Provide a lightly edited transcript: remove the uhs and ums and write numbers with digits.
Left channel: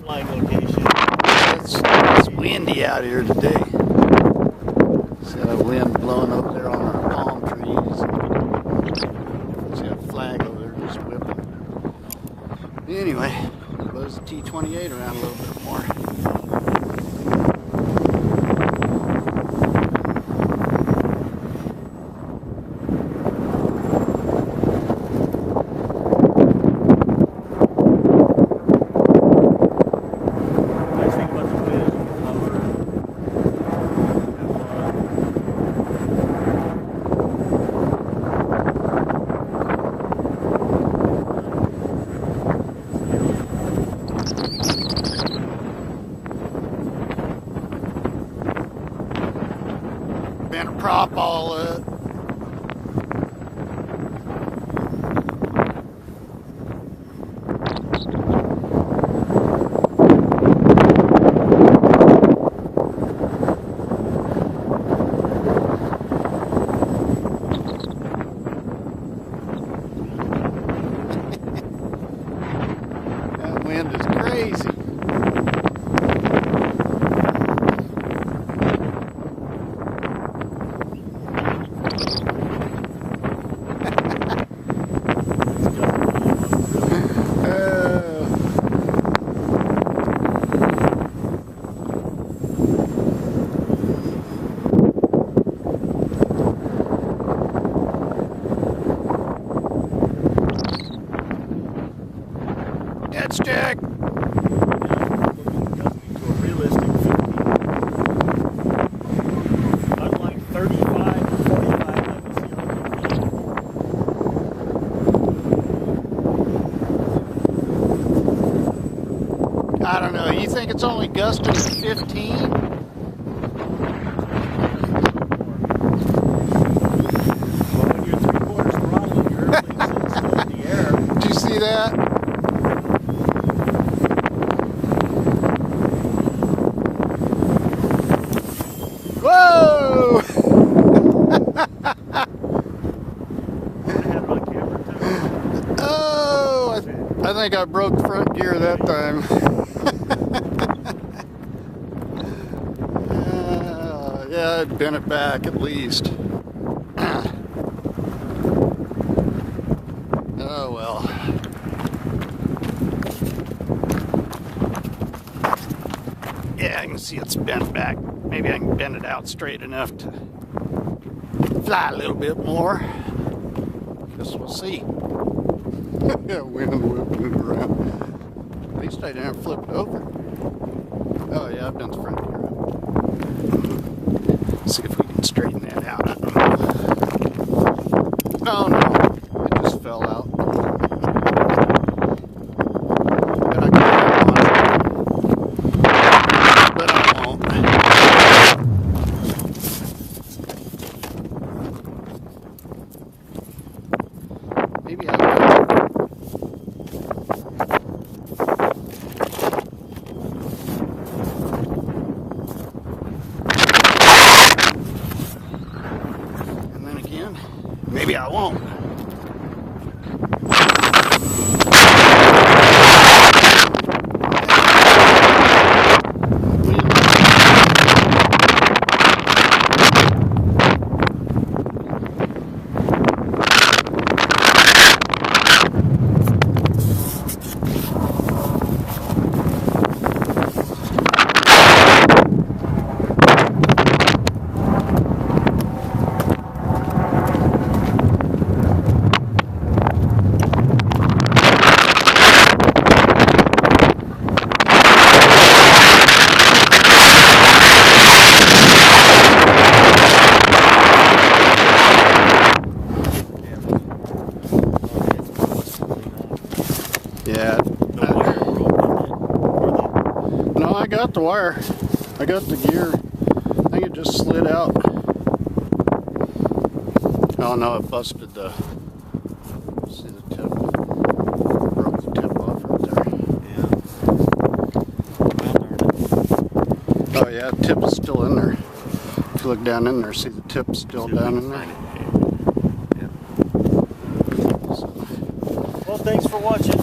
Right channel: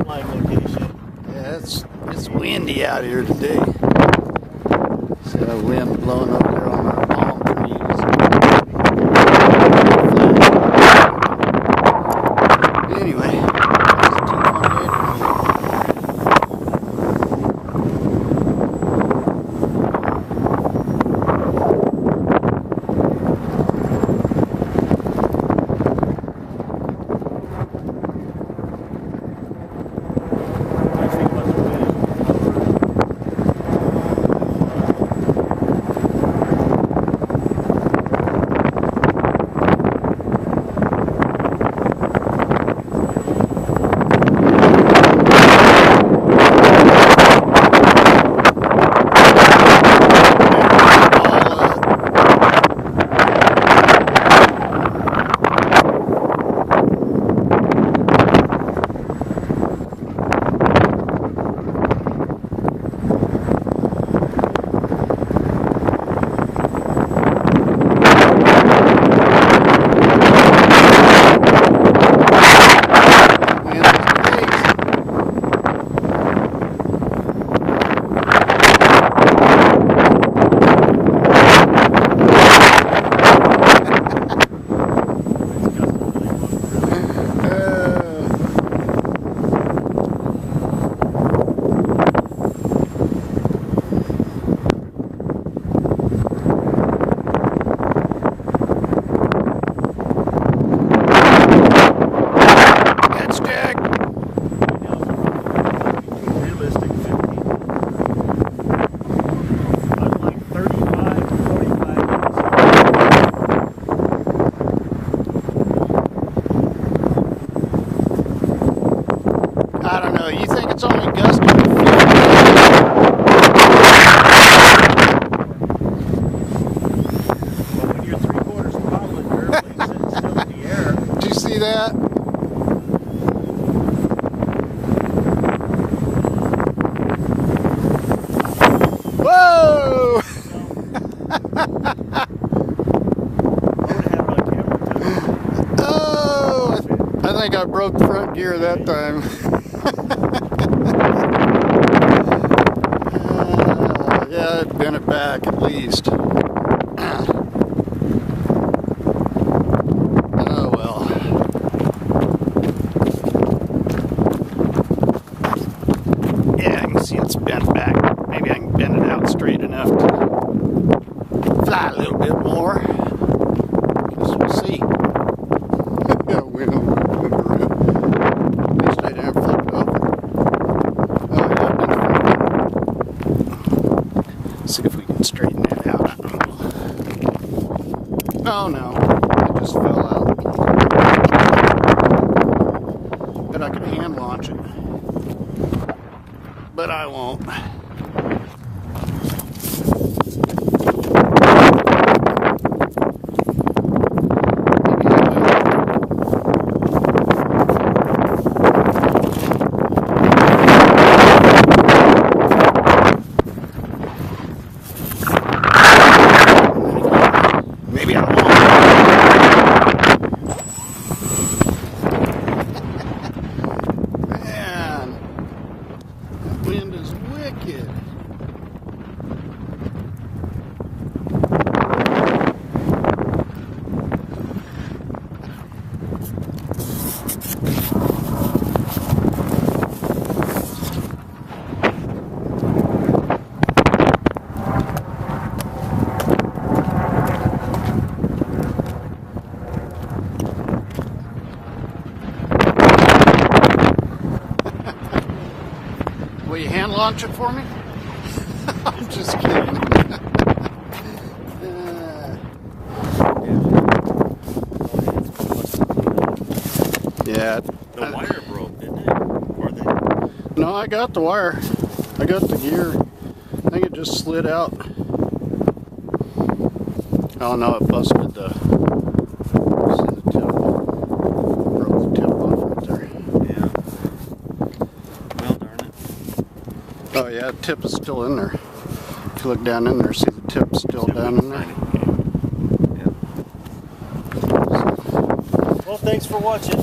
flying location. It's windy out here today. See the wind blowing over there on our palm trees. Anyway, there's a T-28 around here. I don't know. You think it's only gusting? Did you see that? Whoa! Oh, I think I broke the front gear that time. Yeah, I'd bend it back at least. Oh well. Yeah, I can see it's bent back. Maybe I can bend it out straight enough to fly a little bit more. Guess we'll see. Yeah, wind around. At least I didn't flip it over. Oh yeah, I've been flipping. See if we can straighten that out. I don't know. Oh no, it just fell out. Bet I can hang on it. But I won't. Maybe I won't. Yeah. The wire broke. No, I got the wire. I got the gear. I think it just slid out. Oh no, it busted the. See the tip? Broke the tip off right there. Yeah. Well, darn it. Oh yeah, the tip is still in there. If you look down in there, see the tip still down in there. Yeah. Well, thanks for watching.